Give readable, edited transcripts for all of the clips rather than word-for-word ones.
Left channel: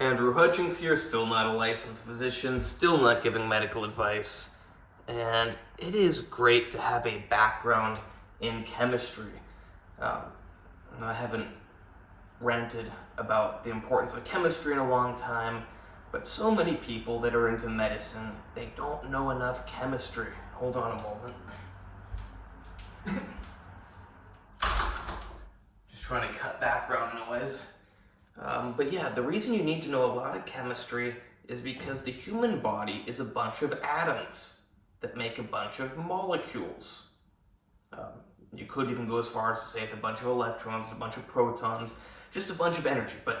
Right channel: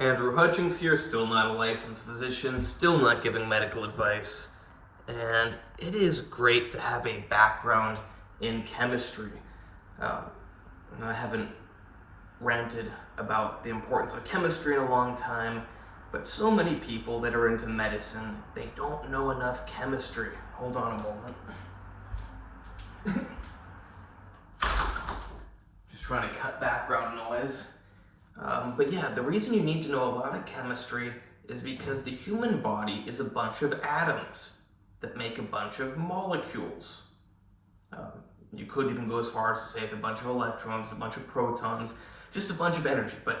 Andrew Hutchings here, still not a licensed physician, still not giving medical advice, and it is great to have a background in chemistry. I haven't ranted about the importance of chemistry in a long time, but so many people that are into medicine, they don't know enough chemistry. Hold on a moment. Just trying to cut background noise. But yeah, the reason you need to know a lot of chemistry is because the human body is a bunch of atoms that make a bunch of molecules. You could even go as far as to say it's a bunch of electrons, a bunch of protons, just a bunch of energy. But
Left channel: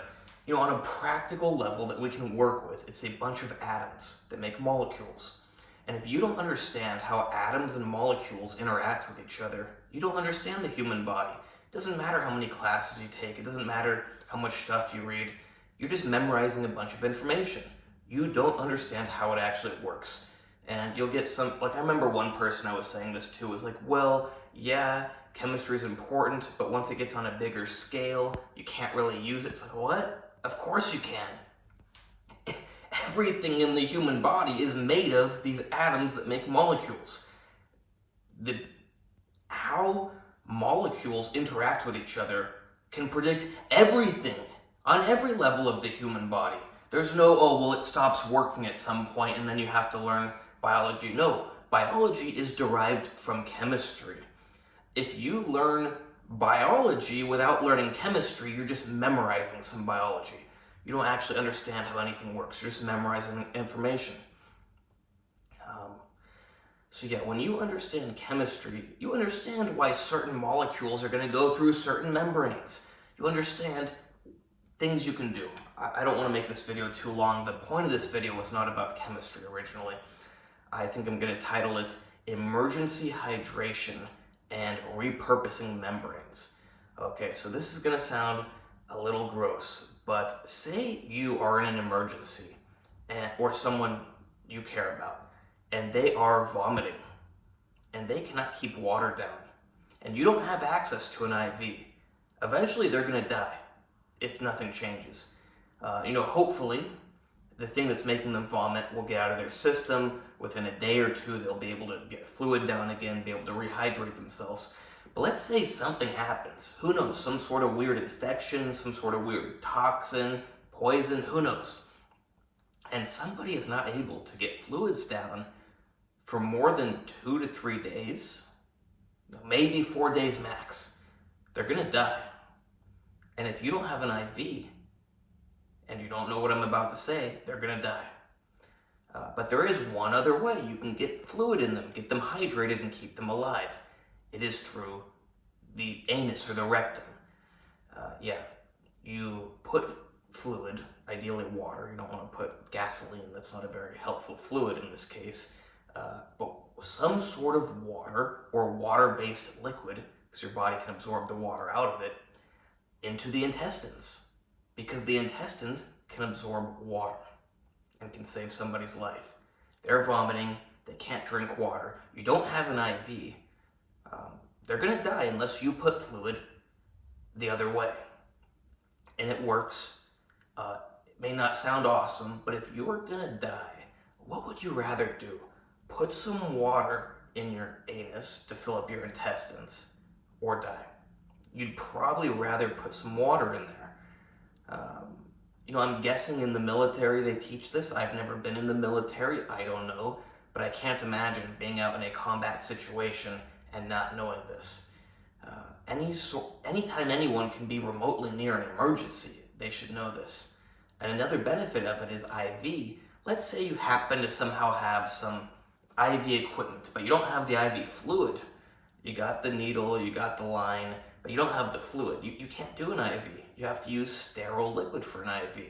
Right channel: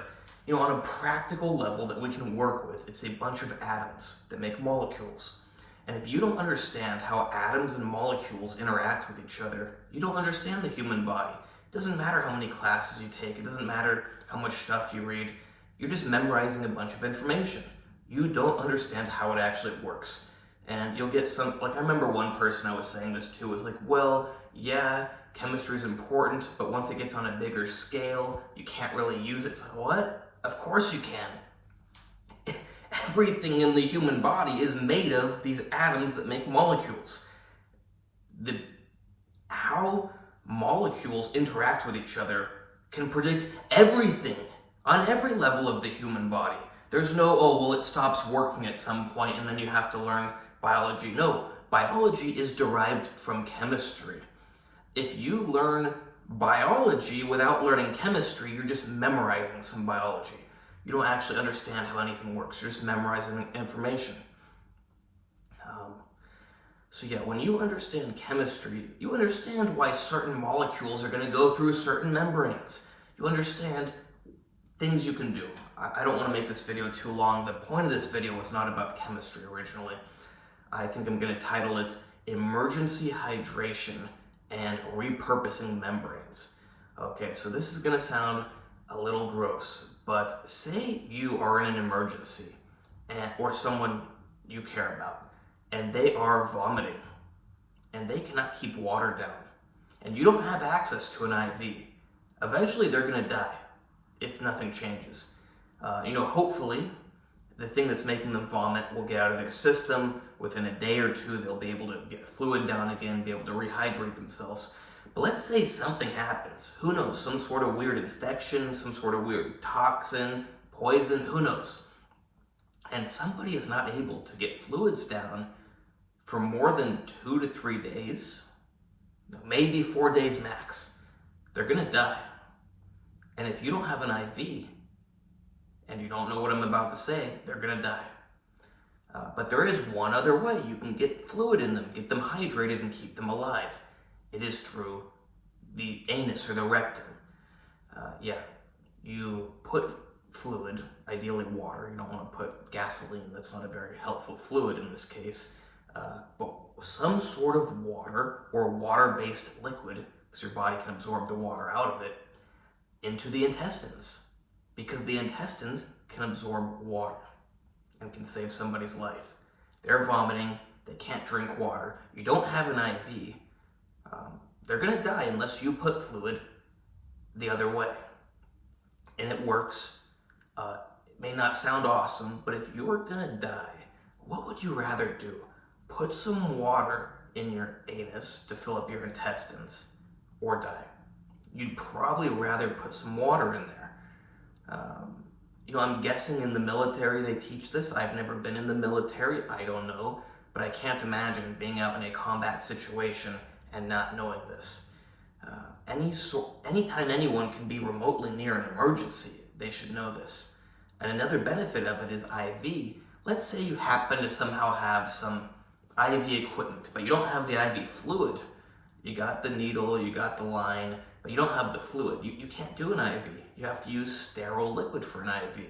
on a practical level that we can work with, it's a bunch of atoms that make molecules. And if you don't understand how atoms and molecules interact with each other, you don't understand the human body. It doesn't matter how many classes you take. It doesn't matter how much stuff you read. You're just memorizing a bunch of information. You don't understand how it actually works. And you'll get some, I remember one person I was saying this to was like, well, yeah, chemistry is important, but once it gets on a bigger scale, you can't really use it. It's like, what? Of course you can. Everything in the human body is made of these atoms that make molecules. How molecules interact with each other can predict everything on every level of the human body. There's no, oh, well, it stops working at some point and then you have to learn biology. No, biology is derived from chemistry. If you learn biology without learning chemistry, you're just memorizing some biology. You don't actually understand how anything works. You're just memorizing information. So yeah, when you understand chemistry, you understand why certain molecules are going to go through certain membranes. You understand things you can do. I don't want to make this video too long. The point of this video was not about chemistry originally. I think I'm going to title it Emergency Hydration and Repurposing Membranes. Okay, so this is going to sound a little gross, but say you are in an emergency or someone you care about, and they are vomiting, and they cannot keep water down, and you don't have access to an IV. Eventually, they're going to die if nothing changes. Hopefully, the thing that's making them vomit will get out of their system. Within a day or two, they'll be able to get fluid down again, be able to rehydrate themselves. But let's say something happens. Who knows? Some sort of weird infection, some sort of weird toxin, poison, who knows? And somebody is not able to get fluids down for more than 2 to 3 days, maybe 4 days max. They're going to die. And if you don't have an IV, and you don't know what I'm about to say, they're going to die. But there is one other way you can get fluid in them, get them hydrated, and keep them alive. It is through the anus or the rectum. You put fluid, ideally water. You don't want to put gasoline. That's not a very helpful fluid in this case. But some sort of water or water-based liquid, because your body can absorb the water out of it, into the intestines. Because the intestines can absorb water and can save somebody's life. They're vomiting, they can't drink water, you don't have an IV, they're going to die unless you put fluid the other way. And it works. It may not sound awesome, but if you were going to die, what would you rather do? Put some water in your anus to fill up your intestines or die? You'd probably rather put some water in there. I'm guessing in the military they teach this. I've never been in the military, I don't know, but I can't imagine being out in a combat situation and not knowing this. Anytime anyone can be remotely near an emergency, they should know this. And another benefit of it is IV. Let's say you happen to somehow have some IV equipment, but you don't have the IV fluid. You got the needle, you got the line, but you don't have the fluid. You can't do an IV. You have to use sterile liquid for an IV.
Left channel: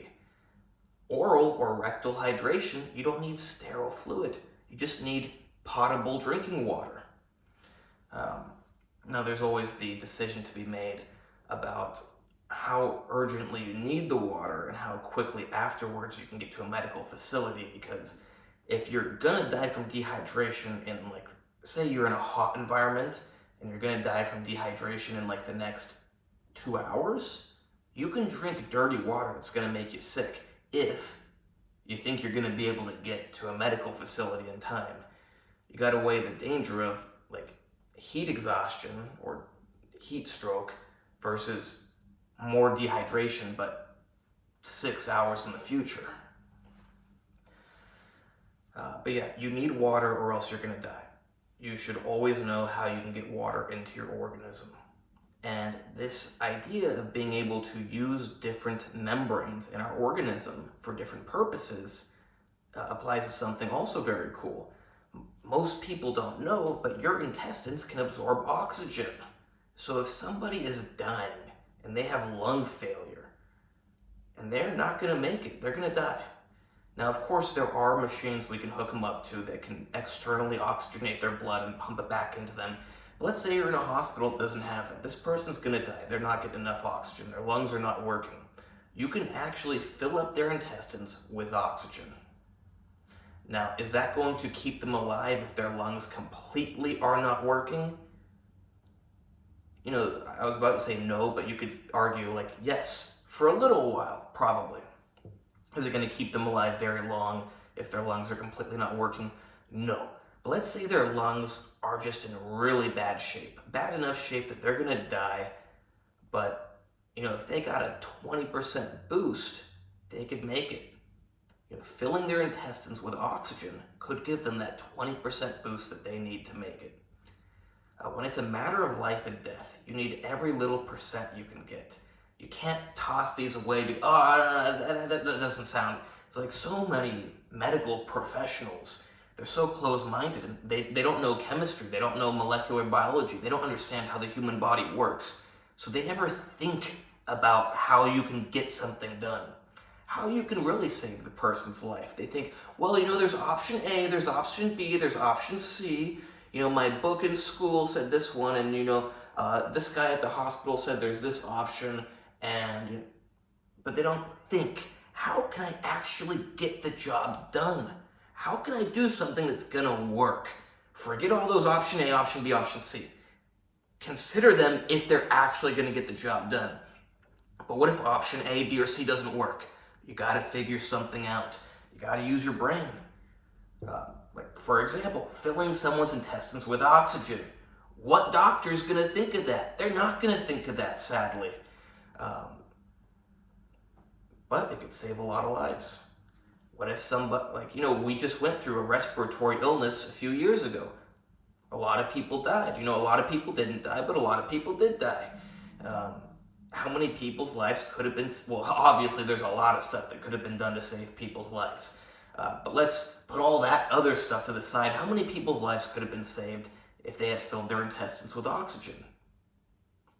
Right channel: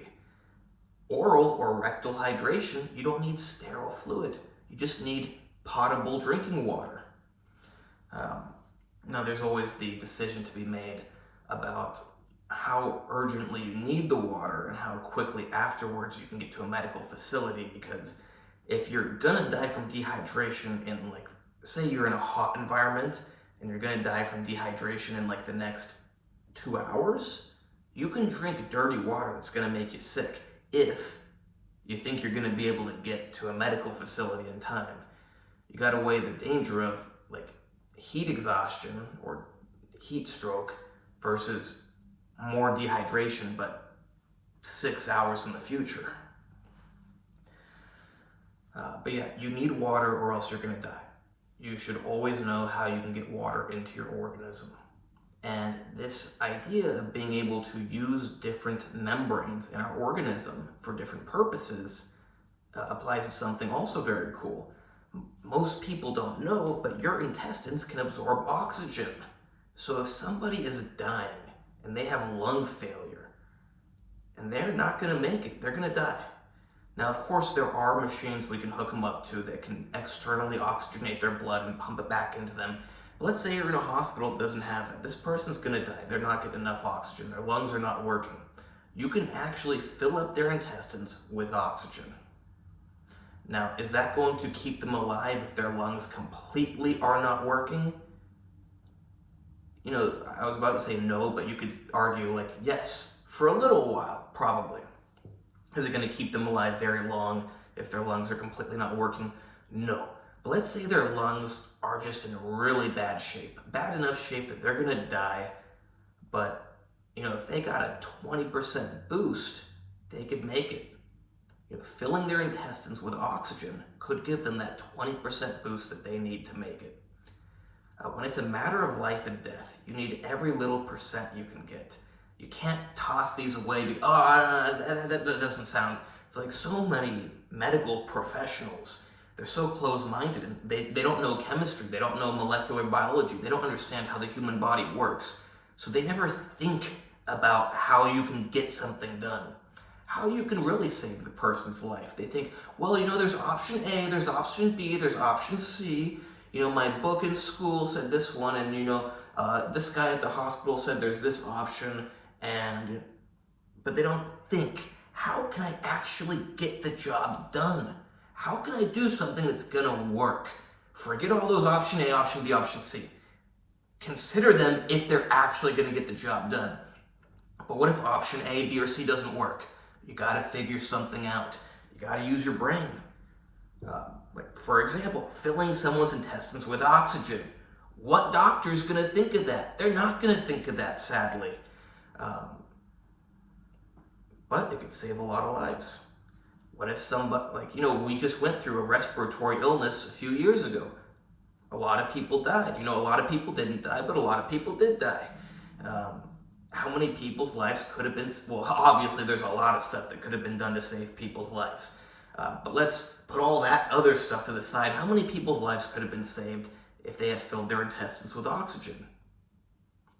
Oral or rectal hydration, you don't need sterile fluid. You just need potable drinking water. Now there's always the decision to be made about how urgently you need the water and how quickly afterwards you can get to a medical facility, because if you're gonna die from dehydration in say you're in a hot environment and you're gonna die from dehydration in the next 2 hours, you can drink dirty water that's gonna make you sick. if you think you're going to be able to get to a medical facility in time. You got to weigh the danger of like heat exhaustion or heat stroke versus more dehydration, but 6 hours in the future. But yeah, you need water or else you're going to die. You should always know how you can get water into your organism. And this idea of being able to use different membranes in our organism for different purposes applies to something also very cool. Most people don't know, but your intestines can absorb oxygen. So if somebody is dying and they have lung failure and they're not going to make it, they're going to die. Now, of course, there are machines we can hook them up to that can externally oxygenate their blood and pump it back into them. But let's say you're in a hospital that doesn't have it. This person's going to die. They're not getting enough oxygen. Their lungs are not working. You can actually fill up their intestines with oxygen. Now, is that going to keep them alive if their lungs completely are not working? You know, I was about to say no, but you could argue like yes, for a little while, probably. Is it going to keep them alive very long if their lungs are completely not working? No. But let's say their lungs are just in really bad shape. Bad enough shape that they're going to die. But, you know, if they got a 20% boost, they could make it. You know, filling their intestines with oxygen could give them that 20% boost that they need to make it. When it's a matter of life and death, you need every little percent you can get. You can't toss these away because, that doesn't sound... It's like so many medical professionals, they're so close-minded and they don't know chemistry, they don't know molecular biology, they don't understand how the human body works. So they never think about how you can get something done, how you can really save the person's life. They think, well, you know, there's option A, there's option B, there's option C. You know, my book in school said this one, and, you know, this guy at the hospital said there's this option. But they don't think, how can I actually get the job done? How can I do something that's gonna work? Forget all those option A, option B, option C. Consider them if they're actually gonna get the job done. But what if option A, B, or C doesn't work? You gotta figure something out. You gotta use your brain. Like, for example, filling someone's intestines with oxygen. What doctor's gonna think of that? They're not gonna think of that, sadly. But it could save a lot of lives. What if somebody, like, you know, we just went through a respiratory illness a few years ago. A lot of people died. You know, a lot of people didn't die, but a lot of people did die. How many people's lives could have been, well, obviously there's a lot of stuff that could have been done to save people's lives. But let's put all that other stuff to the side. How many people's lives could have been saved if they had filled their intestines with oxygen?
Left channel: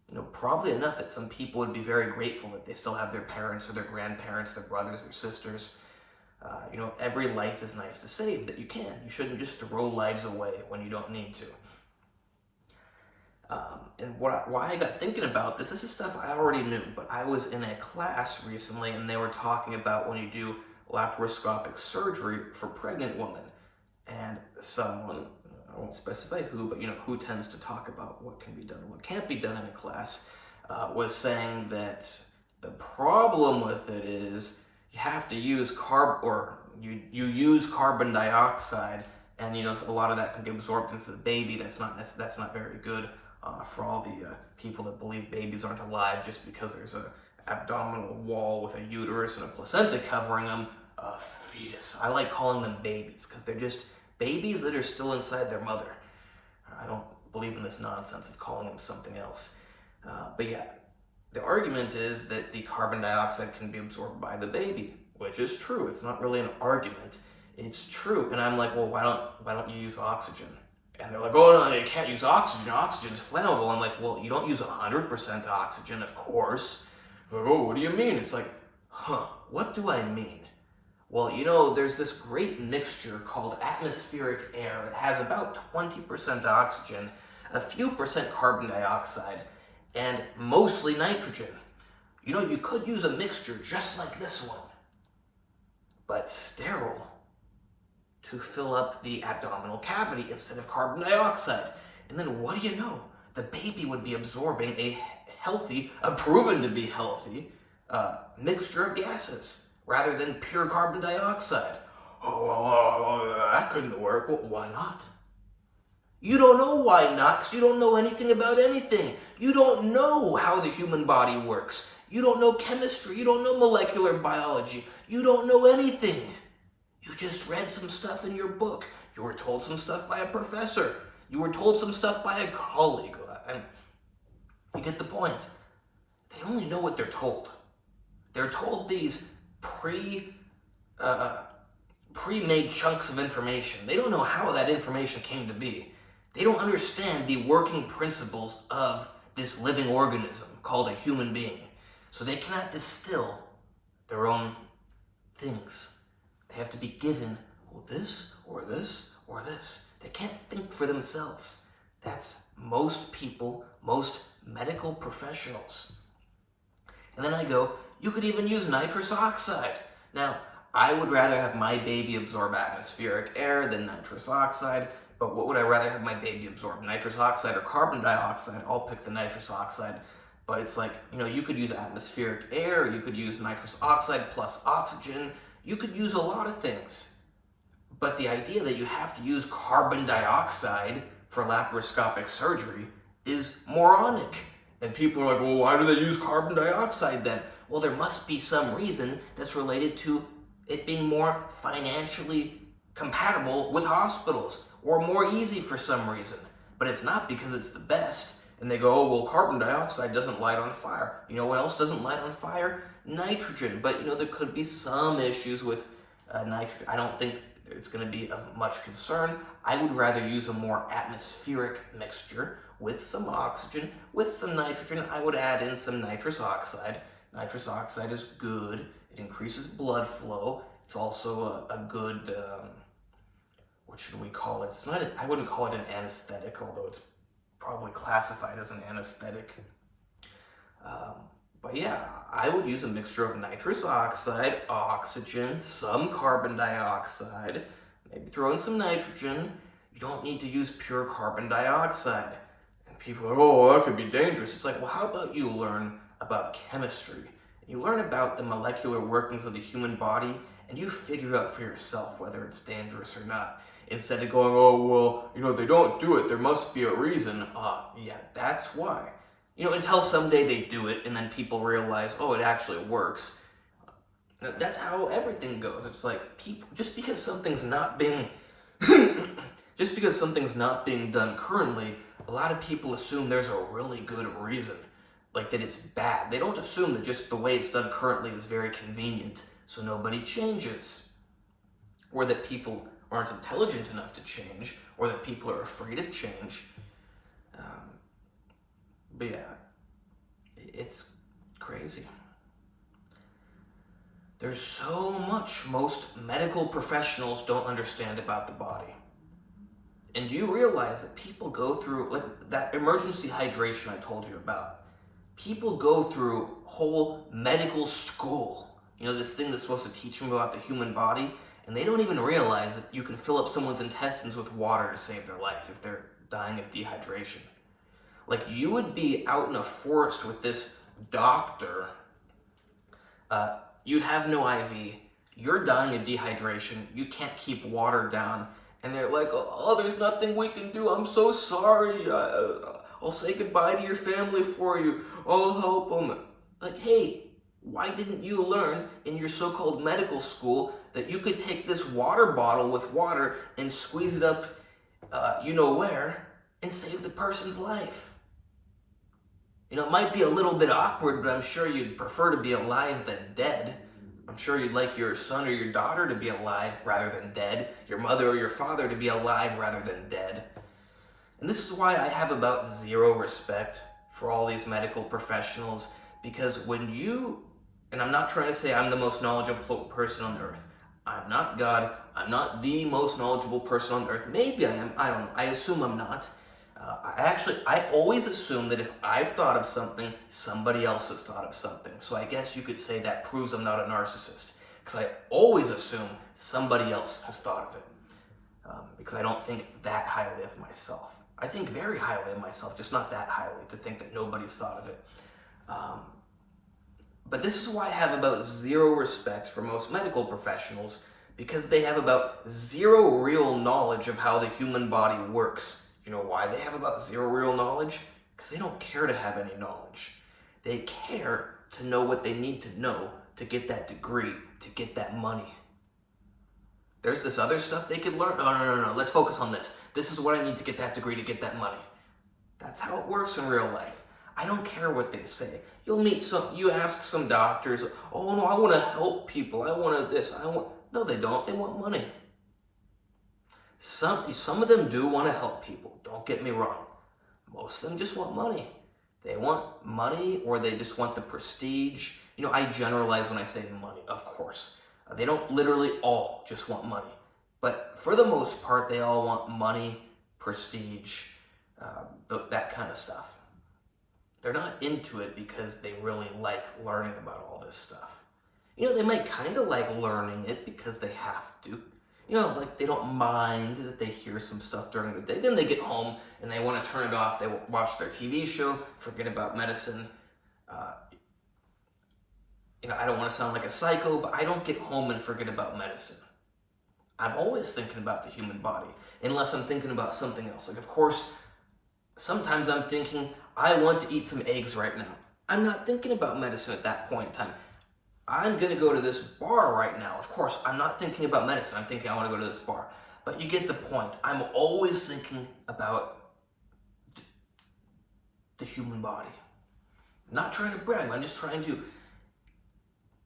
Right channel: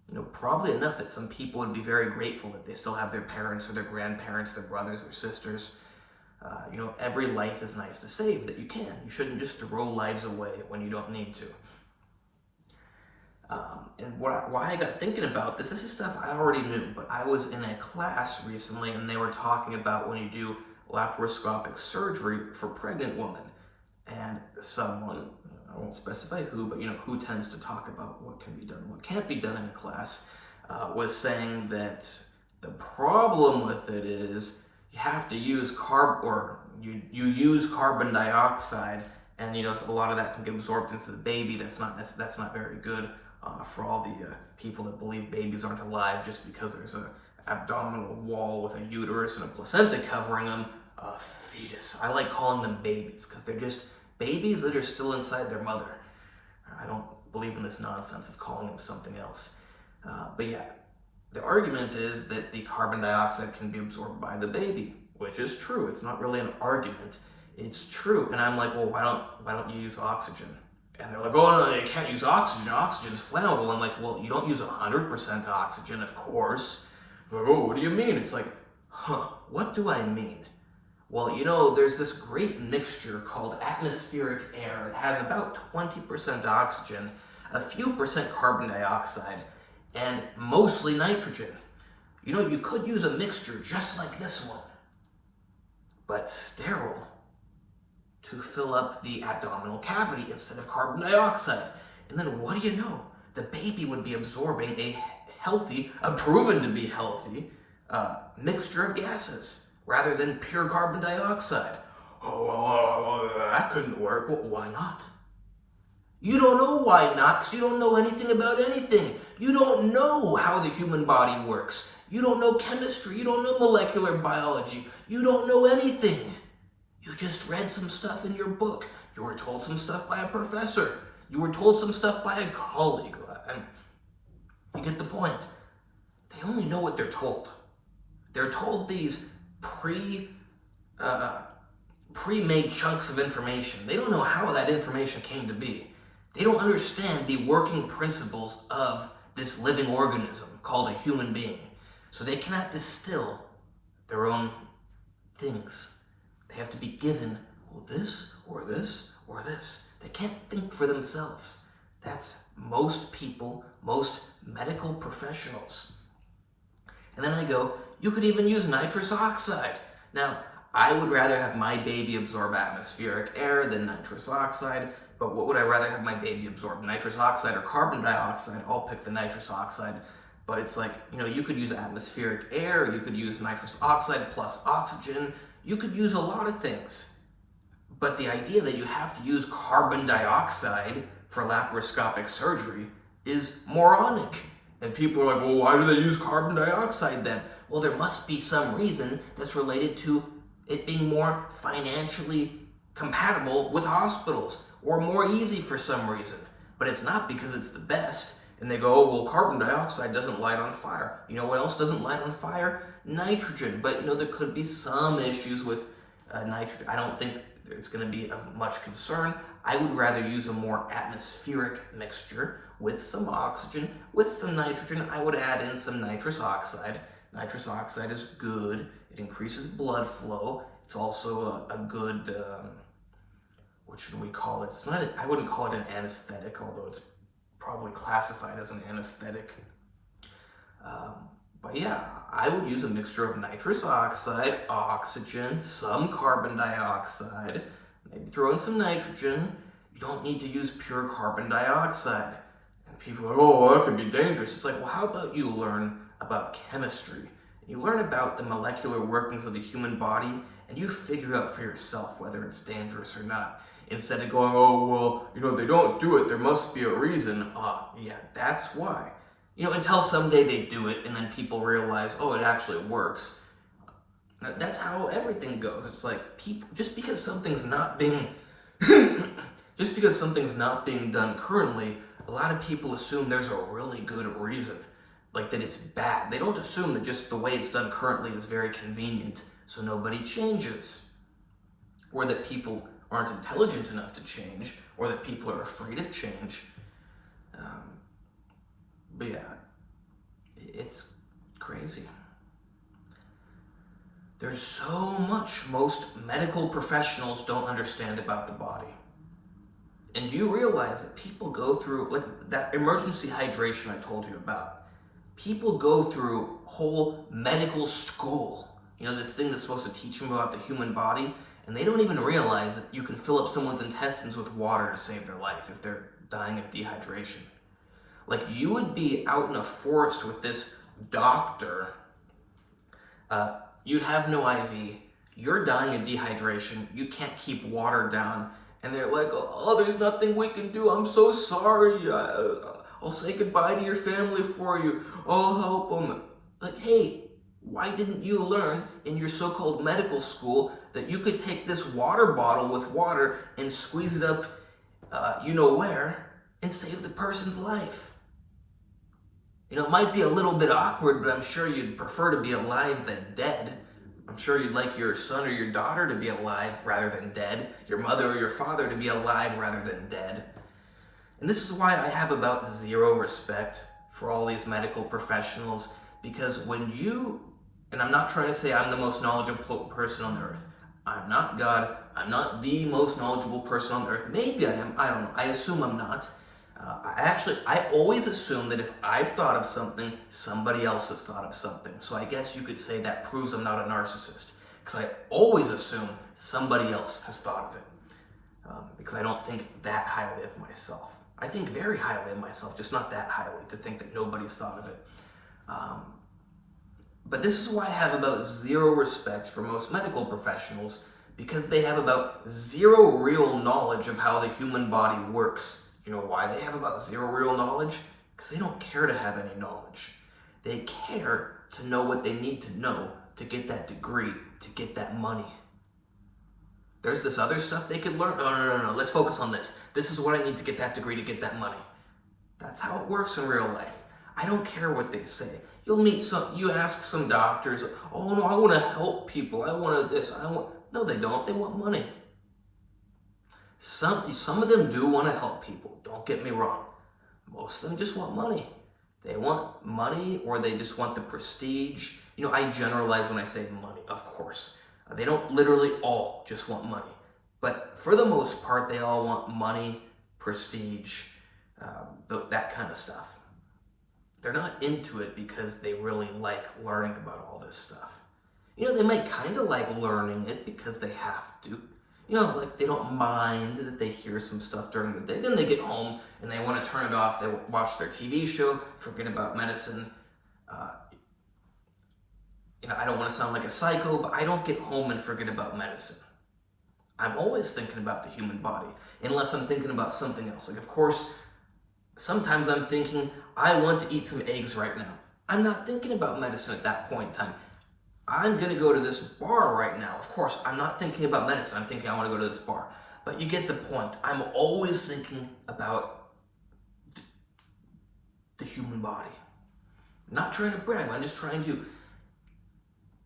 You know, probably enough that some people would be very grateful that they still have their parents or their grandparents, their brothers, their sisters. You know, every life is nice to save that you can. You shouldn't just throw lives away when you don't need to. And why I got thinking about this is stuff I already knew, but I was in a class recently and they were talking about when you do laparoscopic surgery for pregnant women. And someone, I won't specify who, but you know, who tends to talk about what can be done and what can't be done in a class, was saying that the problem with it is you have to use you use carbon dioxide, and you know, a lot of that can get absorbed into the baby. That's not very good for all the people that believe babies aren't alive just because there's an abdominal wall with a uterus and a placenta covering them. A fetus. I like calling them babies because they're just babies that are still inside their mother. I don't believe in this nonsense of calling them something else. But yeah, the argument is that the carbon dioxide can be absorbed by the baby, which is true. It's not really an argument. It's true. And I'm like, well, why don't you use oxygen? And they're like, oh no, you can't use oxygen. Oxygen's flammable. I'm like, well, you don't use 100% oxygen, of course. They're like, oh, what do you mean? It's like, what do I mean? Well, you know, there's this great mixture called atmospheric air. It has about 20% oxygen, a few percent carbon dioxide, and mostly nitrogen. You know, you could use a mixture just like this one, but sterile, to fill up the abdominal cavity instead of carbon dioxide. And then what do you know? The baby would be absorbing a proven to be healthy, mixture of gases. rather than pure carbon dioxide. Oh, well, that couldn't work. Well, why not? You don't know why not, because you don't know anything about anything. You don't know how the human body works. You don't know chemistry. You don't know molecular biology. You don't know anything. You just read some stuff in your book. You were told some stuff by a professor. You were told some stuff by a colleague. And you get the point. They only know what they're told. They're told these pre-made chunks of information. They don't know how that information came to be. They don't understand the working principles of this living organism called a human being. So they cannot distill their own things. They have to be given, well, this, or this, or this. They can't think for themselves. That's most people, most medical professionals. And then I go, you could even use nitrous oxide. Now, I would rather have my baby absorb atmospheric air than nitrous oxide, but what would I rather have my baby absorb, nitrous oxide or carbon dioxide? I'll pick the nitrous oxide. But it's like, you could use atmospheric air, you could use nitrous oxide plus oxygen, you could use a lot of things. But the idea that you have to use carbon dioxide for laparoscopic surgery is moronic. And people are like, well, why do they use carbon dioxide then? Well, there must be some reason that's related to it being more financially compatible with hospitals, or more easy for some reason. But it's not because it's the best. And they go, oh, well, carbon dioxide doesn't light on fire. You know what else doesn't light on fire? Nitrogen. But, there could be some issues with nitrogen. I don't think it's going to be of much concern. I would rather use a more atmospheric mixture with some oxygen, with some nitrogen. I would add in some nitrous oxide. Nitrous oxide is good. It increases blood flow. It's also a good, what should we call it? I wouldn't call it an anesthetic, although it's probably classified as an anesthetic. But yeah, I would use a mixture of nitrous oxide, oxygen, some carbon dioxide, maybe throw in some nitrogen. You don't need to use pure carbon dioxide. And people are, oh, that could be dangerous. It's like, well, how about you learn about chemistry? You learn about the molecular workings of the human body, and you figure out for yourself whether it's dangerous or not. Instead of going, oh, well, they don't do it, there must be a reason. Yeah, that's why. Until someday they do it, and then people realize, oh, it actually works. That's how everything goes. It's like, people, just because something's not being done currently, a lot of people assume there's a really good reason, like that it's bad. They don't assume that just the way it's done currently is very convenient, so nobody changes. Or that people aren't intelligent enough to change, or that people are afraid of change. But yeah, it's crazy. There's so much most medical professionals don't understand about the body. And do you realize that people go through, like that emergency hydration I told you about, people go through whole medical school, this thing that's supposed to teach them about the human body, and they don't even realize that you can fill up someone's intestines with water to save their life if they're dying of dehydration. Like, you would be out in a forest with this doctor, you have no IV, you're dying of dehydration, you can't keep water down, and they're like, oh, there's nothing we can do, I'm so sorry, I'll say goodbye to your family for you, I'll help them. Like, hey, why didn't you learn in your so-called medical school that you could take this water bottle with water and squeeze it up, where, and save the person's life? It might be a little bit awkward, but I'm sure you'd prefer to be alive than dead. I'm sure you'd like your son or your daughter to be alive rather than dead, your mother or your father to be alive rather than dead. And this is why I have about zero respect for all these medical professionals, because when you, and I'm not trying to say I'm the most knowledgeable person on earth. I'm not God. I'm not the most knowledgeable person on earth. Maybe I am. I don't know. I assume I'm not. I always assume that if I've thought of something, somebody else has thought of something. So I guess you could say that proves I'm not a narcissist, because I always assume somebody else has thought of it, because I don't think that highly of myself. I think very highly of myself, just not that highly, to think that nobody's thought of it. But this is why I have about zero respect for most medical professionals, because they have about zero real knowledge of how the human body works. You know why they have about zero real knowledge? Because they don't care to have any knowledge. They care to know what they need to know to get that degree, to get that money. There's this other stuff they could learn. No, let's focus on this. This is what I need to get that degree to get that money. That's how it works in real life. I don't care what they say. You ask some doctors, oh no, I want to help people. I want this, no, they don't. They want money. Some of them do want to help people. Don't get me wrong. Most of them just want money. They want money, or they just want the prestige. You know, I generalize when I say money, of course. They don't literally all just want money. But for the most part, they all want money, prestige, that kind of stuff. They're not into it because they really like learning about all this stuff. You know, they might kind of like learning it because they have to. You know, like they don't mind that they hear some stuff during the day. Then they get home and they want to turn it off. They watch their TV show, forget about medicine. You know, I don't want to sound like a psycho, but I don't get home and forget about medicine. I'm always thinking about the human body, unless I'm thinking about something else. Like, of course, sometimes I'm thinking, I want to eat some eggs right now. I'm not thinking about medicine at that point in time. I'm going to go to this bar right now. Of course, I'm not thinking about medicine. I'm thinking I want to go to this bar. But you get the point. I'm always thinking about the human body. I'm not trying to brag. I'm just trying to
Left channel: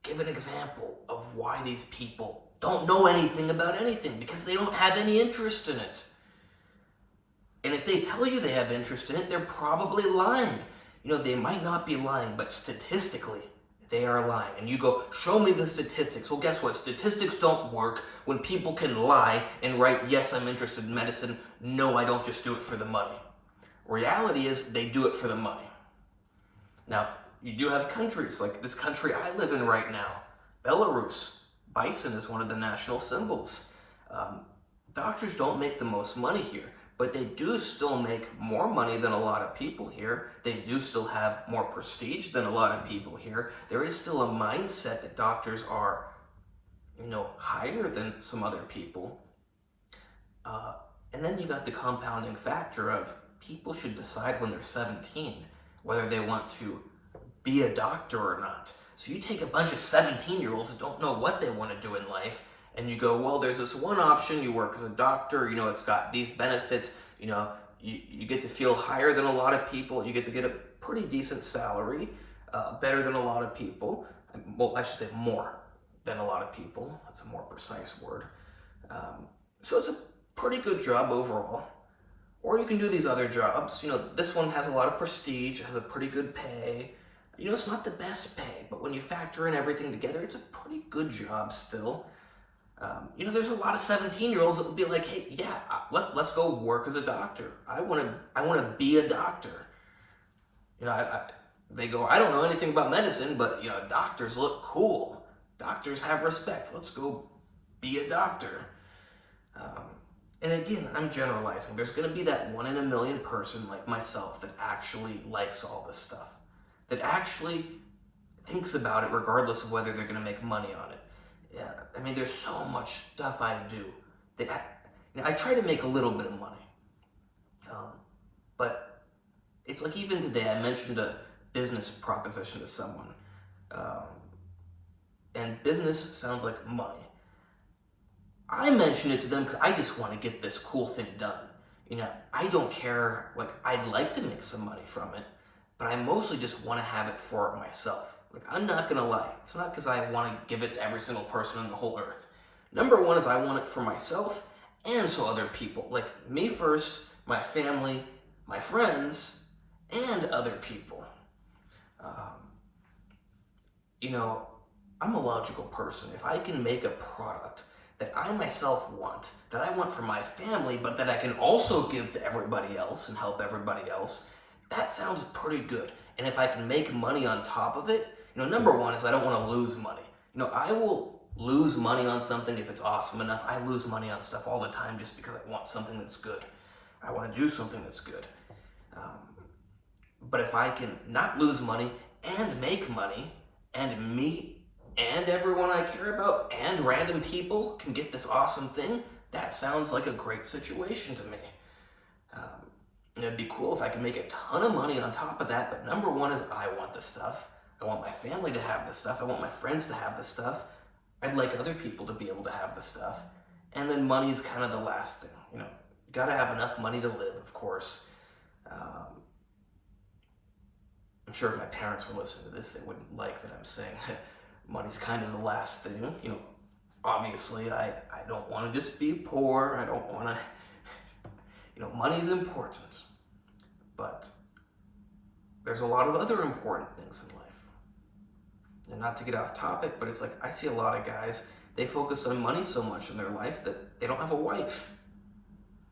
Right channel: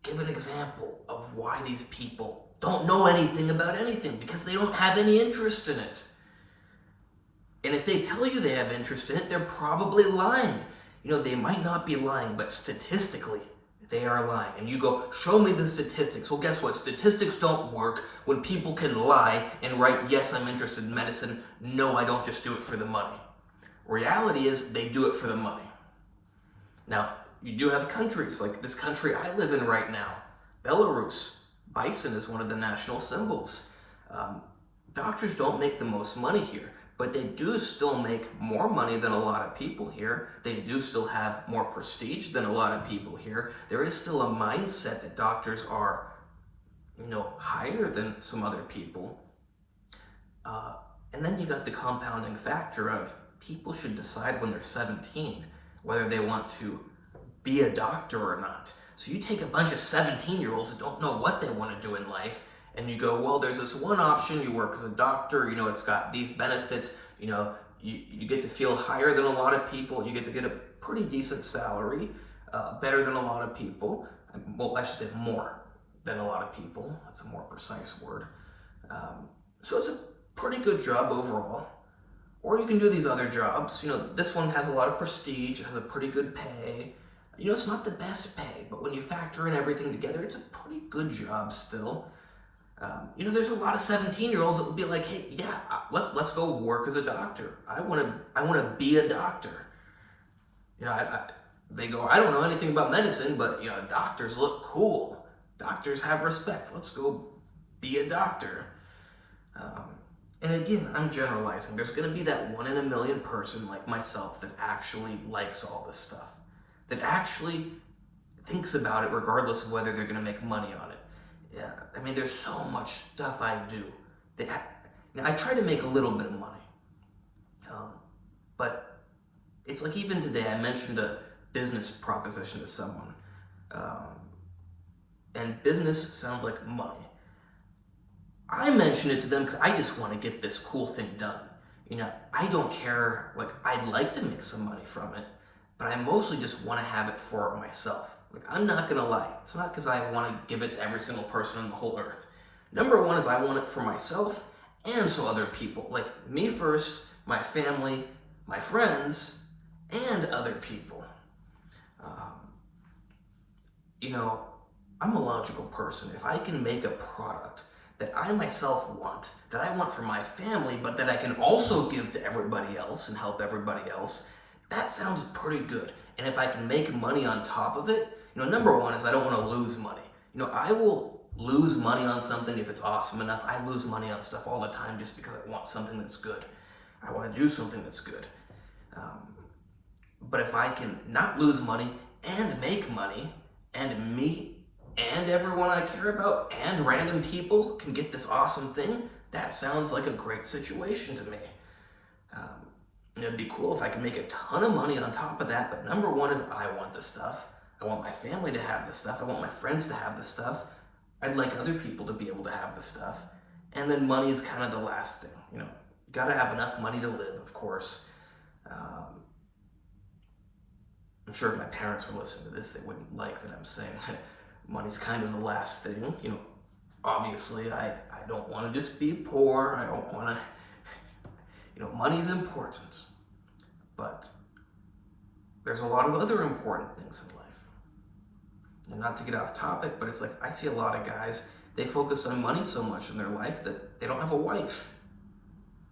give an example of why these people don't know anything about anything, because they don't have any interest in it. And if they tell you they have interest in it, they're probably lying. You know, they might not be lying, but statistically, they are lying. And you go, show me the statistics. Well, guess what? Statistics don't work when people can lie and write, yes, I'm interested in medicine. No, I don't just do it for the money. Reality is they do it for the money. Now, you do have countries, like this country I live in right now, Belarus. Bison is one of the national symbols. Doctors don't make the most money here, but they do still make more money than a lot of people here. They do still have more prestige than a lot of people here. There is still a mindset that doctors are, you know, higher than some other people. And then you got the compounding factor of people should decide when they're 17 whether they want to be a doctor or not. So you take a bunch of 17-year-olds that don't know what they want to do in life, and you go, well, there's this one option, you work as a doctor, you know, it's got these benefits, you know, you get to feel higher than a lot of people, you get to get a pretty decent salary, better than a lot of people, well, I should say more than a lot of people, that's a more precise word. So it's a pretty good job overall. Or you can do these other jobs, you know, this one has a lot of prestige, it has a pretty good pay. You know, it's not the best pay, but when you factor in everything together, it's a pretty good job still. You know, there's a lot of 17-year-olds that would be like, hey, yeah, let's go work as a doctor. I want to be a doctor. You know, they go, I don't know anything about medicine, but, you know, doctors look cool. Doctors have respect. Let's go be a doctor. And again, I'm generalizing. There's going to be that 1 in a million person like myself that actually likes all this stuff, that actually thinks about it regardless of whether they're going to make money on it. Yeah, I mean, there's so much stuff I do that I try to make a little bit of money. But it's like even today, I mentioned a business proposition to someone. And business sounds like money. I mentioned it to them because I just want to get this cool thing done. You know, I don't care, like, I'd like to make some money from it, but I mostly just want to have it for myself. Like, I'm not going to lie. It's not because I want to give it to every single person on the whole earth. Number one is I want it for myself and so other people. Like, me first, my family, my friends, and other people. You know, I'm a logical person. If I can make a product that I myself want, that I want for my family, but that I can also give to everybody else and help everybody else, that sounds pretty good. And if I can make money on top of it, you know, number one is I don't want to lose money. You know, I will lose money on something if it's awesome enough. I lose money on stuff all the time just because I want something that's good. I want to do something that's good. But if I can not lose money and make money and me and everyone I care about and random people can get this awesome thing, that sounds like a great situation to me. It'd be cool if I could make a ton of money on top of that, but number one is I want the stuff. I want my family to have the stuff. I want my friends to have the stuff. I'd like other people to be able to have the stuff. And then money is kind of the last thing. You gotta have enough money to live, of course. I'm sure if my parents were listening to this, they wouldn't like that I'm saying money's kind of the last thing. Obviously, I don't want to just be poor. I don't want to, money's important. But there's a lot of other important things in life. And not to get off topic, but it's like I see a lot of guys, they focus on money so much in their life that they don't have a wife.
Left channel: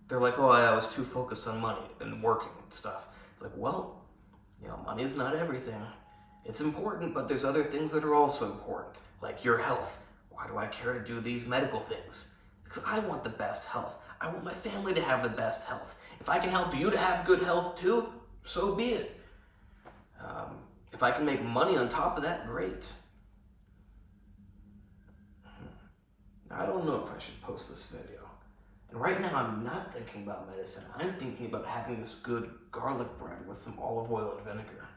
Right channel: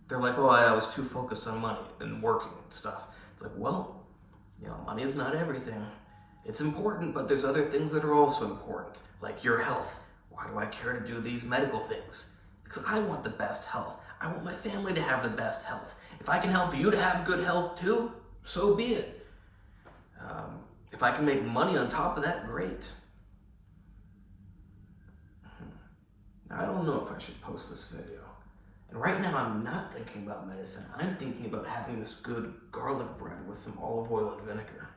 They're like, oh, I was too focused on money and working and stuff. It's like, well, money is not everything. It's important, but there's other things that are also important, like your health. Why do I care to do these medical things? Because I want the best health. I want my family to have the best health. If I can help you to have good health too, so be it. If I can make money on top of that, great. Now, I don't know if I should post this video. And right now I'm not thinking about medicine. I'm thinking about having this good garlic bread with some olive oil and vinegar.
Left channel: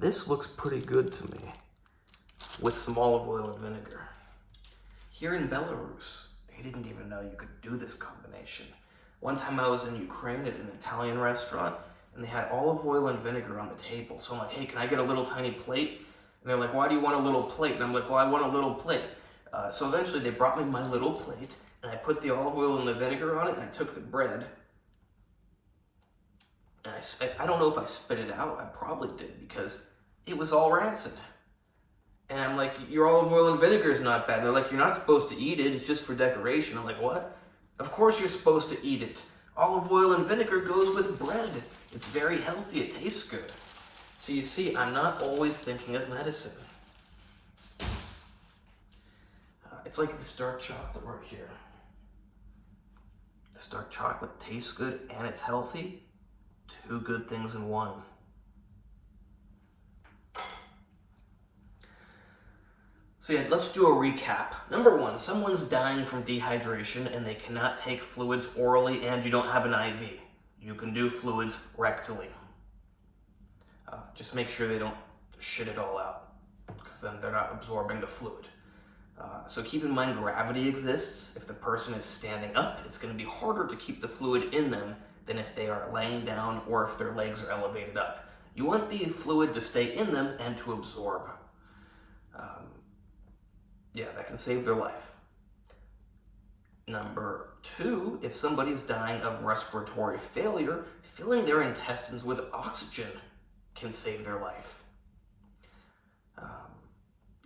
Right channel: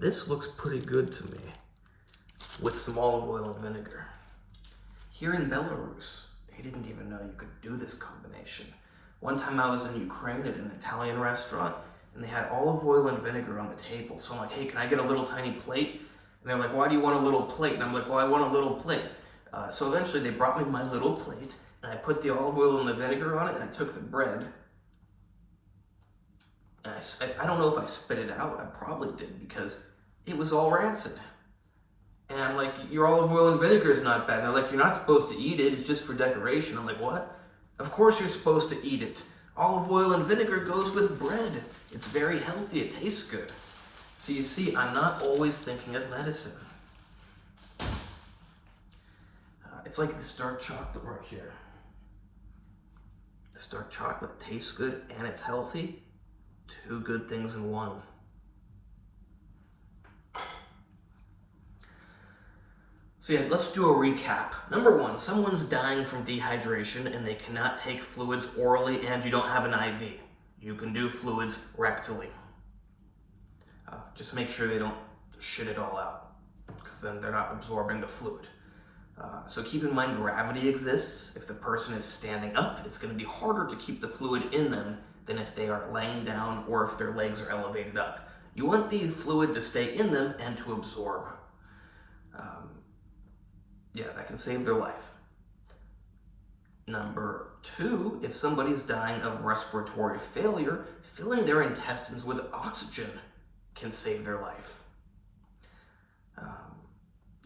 This looks pretty good to me with some olive oil and vinegar. Here in Belarus, they didn't even know you could do this combination. One time I was in Ukraine at an Italian restaurant and they had olive oil and vinegar on the table. So I'm like, hey, can I get a little tiny plate? And they're like, why do you want a little plate? And I'm like, well, I want a little plate. So eventually they brought me my little plate and I put the olive oil and the vinegar on it and I took the bread. And I don't know if I spit it out. I probably did because it was all rancid. And I'm like, your olive oil and vinegar is not bad. And they're like, you're not supposed to eat it. It's just for decoration. I'm like, what? Of course you're supposed to eat it. Olive oil and vinegar goes with bread. It's very healthy. It tastes good. So you see, I'm not always thinking of medicine. It's like this dark chocolate right here. This dark chocolate tastes good and it's healthy. Two good things in one. So yeah, let's do a recap. Number one, someone's dying from dehydration and they cannot take fluids orally and you don't have an IV. You can do fluids rectally. Just make sure they don't shit it all out because then they're not absorbing the fluid. So keep in mind gravity exists. If the person is standing up, it's going to be harder to keep the fluid in them than if they are laying down or if their legs are elevated up. You want the fluid to stay in them and to absorb. Yeah, that can save their life. Number two, if somebody's dying of respiratory failure, filling their intestines with oxygen can save their life.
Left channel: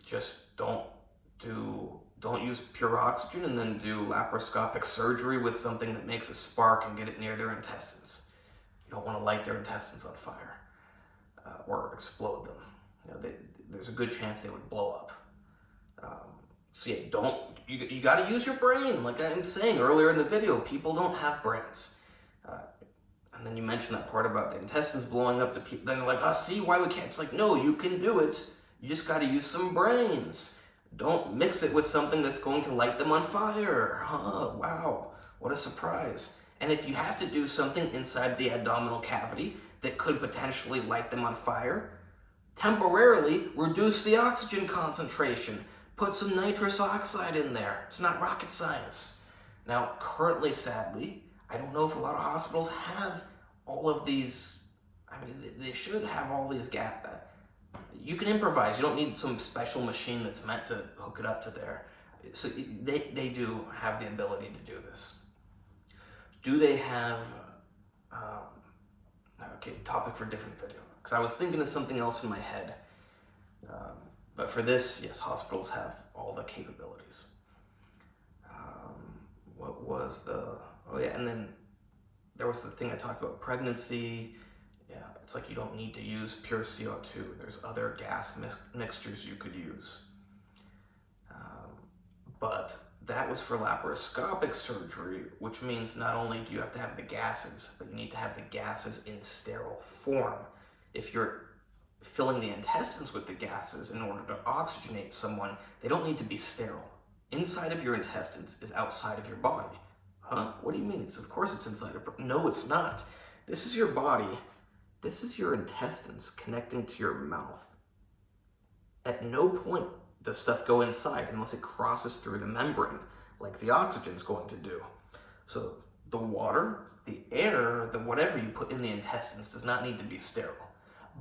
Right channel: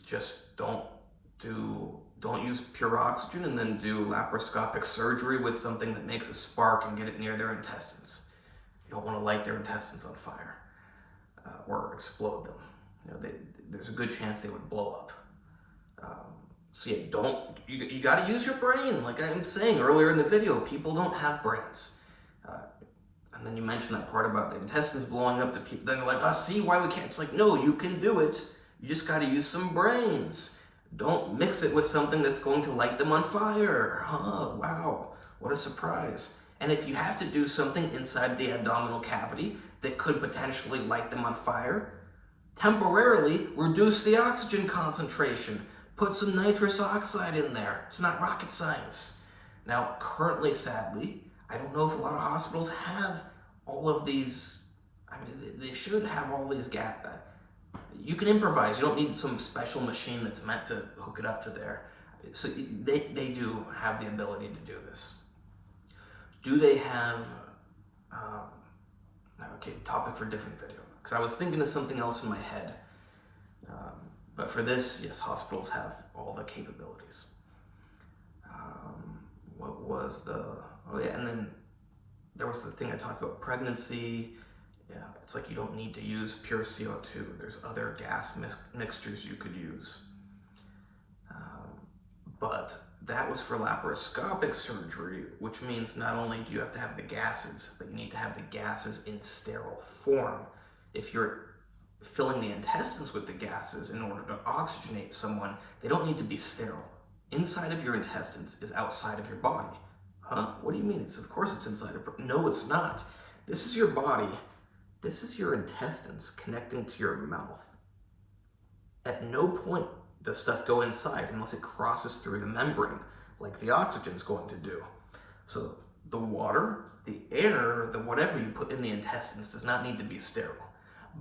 Just don't use pure oxygen and then do laparoscopic surgery with something that makes a spark and get it near their intestines. You don't want to light their intestines on fire or explode them. There's a good chance they would blow up. So yeah, you got to use your brain. Like I'm saying earlier in the video, people don't have brains. And then you mentioned that part about the intestines blowing up to people. Then they're like, see why we can't. It's like, no, you can do it. You just got to use some brains. Don't mix it with something that's going to light them on fire. Wow, what a surprise. And if you have to do something inside the abdominal cavity that could potentially light them on fire, temporarily reduce the oxygen concentration. Put some nitrous oxide in there. It's not rocket science. Now, currently, sadly, I don't know if a lot of hospitals have all of these. I mean, they should have all these gaps. You can improvise. You don't need some special machine that's meant to hook it up to there. So they do have the ability to do this. Do they have, okay, topic for different video. Because I was thinking of something else in my head. But for this, yes, hospitals have all the capabilities. What was oh yeah, and then there was the thing I talked about, pregnancy. Yeah, it's like you don't need to use pure CO2. There's other gas mixtures you could use. But that was for laparoscopic surgery, which means not only do you have to have the gases, but you need to have the gases in sterile form. If you're filling the intestines with the gases in order to oxygenate someone, they don't need to be sterile. Inside of your intestines is outside of your body. Huh? What do you mean? Of course it's inside of... No, it's not. This is your body. This is your intestines connecting to your mouth. At no point does stuff go inside unless it crosses through the membrane, like the oxygen's going to do. So the water, the air, the whatever you put in the intestines does not need to be sterile.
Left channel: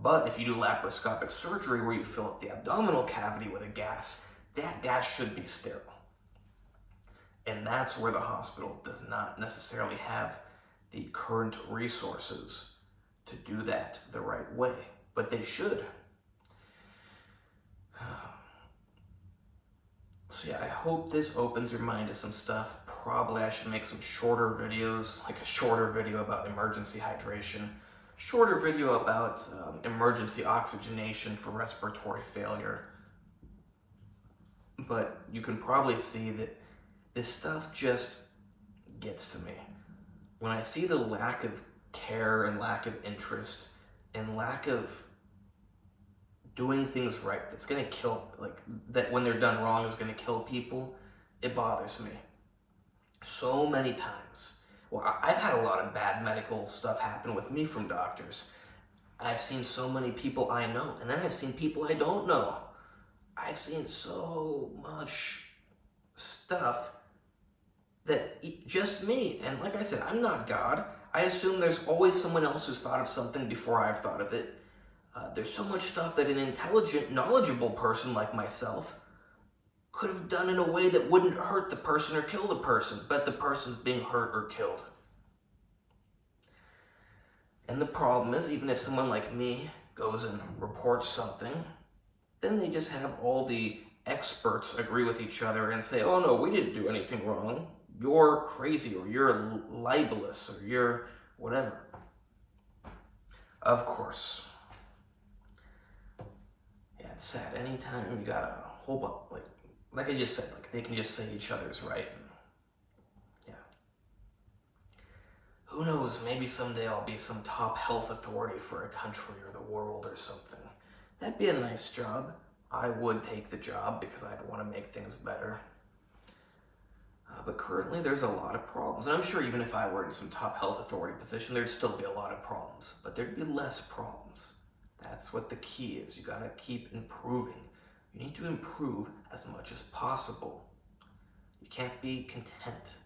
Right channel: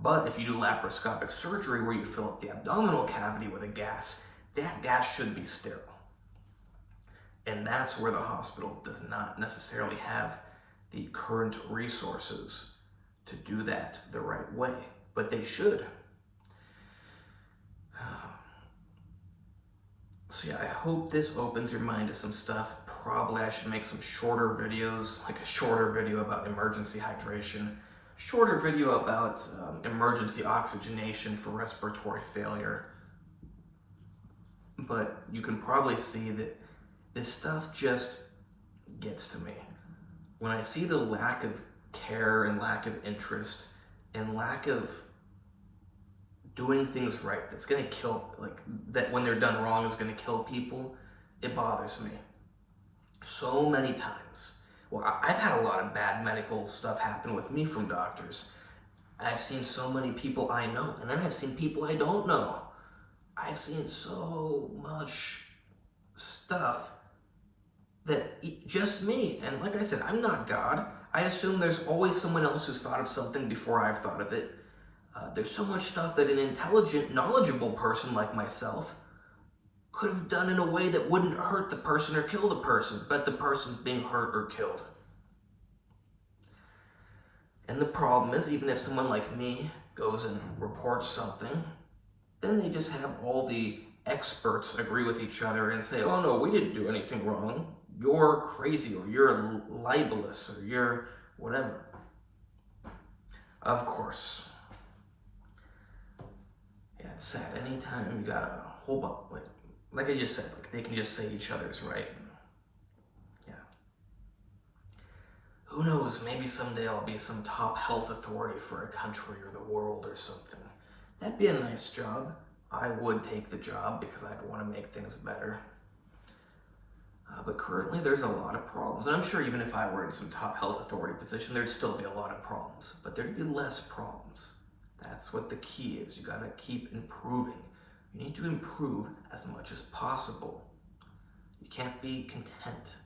But if you do laparoscopic surgery where you fill up the abdominal cavity with a gas, that gas should be sterile. And that's where the hospital does not necessarily have the current resources to do that the right way, but they should. So yeah, I hope this opens your mind to some stuff. Probably I should make some shorter videos, like a shorter video about emergency hydration, shorter video about emergency oxygenation for respiratory failure. But you can probably see that this stuff just gets to me. When I see the lack of care and lack of interest and lack of doing things right, that's gonna kill, like, that when they're done wrong is gonna kill people, it bothers me so many times. Well, I've had a lot of bad medical stuff happen with me from doctors. I've seen so many people I know, and then I've seen people I don't know. I've seen so much stuff that just me, and like I said, I'm not God. I assume there's always someone else who's thought of something before I've thought of it. There's so much stuff that an intelligent, knowledgeable person like myself could have done in a way that wouldn't hurt the person or kill the person, but the person's being hurt or killed. And the problem is, even if someone like me goes and reports something, then they just have all the experts agree with each other and say, oh no, we didn't do anything wrong. You're crazy, or you're libelous, or you're whatever. Of course. Yeah, it's sad. Anytime you got a whole bunch, like I just said, like they can just say each other's right. Yeah. Who knows, maybe someday I'll be some top health authority for a country or the world or something. That'd be a nice job. I would take the job because I'd want to make things better. But currently there's a lot of problems. And I'm sure even if I were in some top health authority position, there'd still be a lot of problems. But there'd be less problems. That's what the key is. You gotta keep improving. You need to improve as much as possible. You can't be content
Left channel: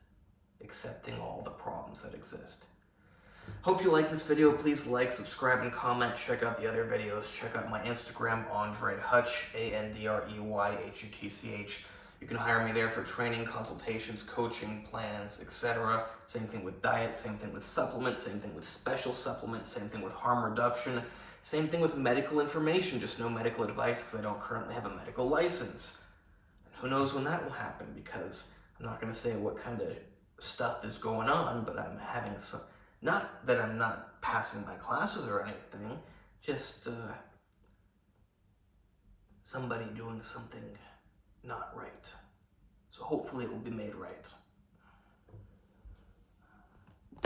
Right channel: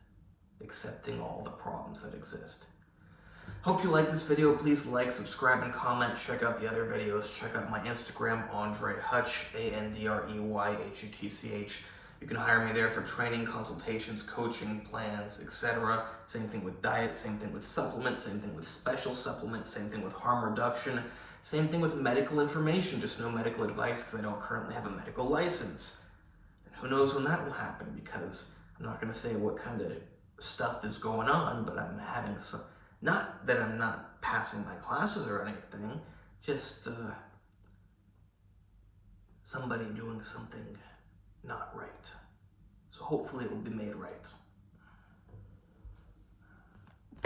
accepting all the problems that exist. Hope you like this video. Please like, subscribe, and comment. Check out the other videos. Check out my Instagram, AndreyHutch, AndreyHutch. You can hire me there for training, consultations, coaching, plans, etc. Same thing with diet, same thing with supplements, same thing with special supplements, same thing with harm reduction, same thing with medical information, just no medical advice because I don't currently have a medical license. And who knows when that will happen, because I'm not going to say what kind of stuff is going on, but I'm having some, not that I'm not passing my classes or anything, just somebody doing something not right. So hopefully it will be made right.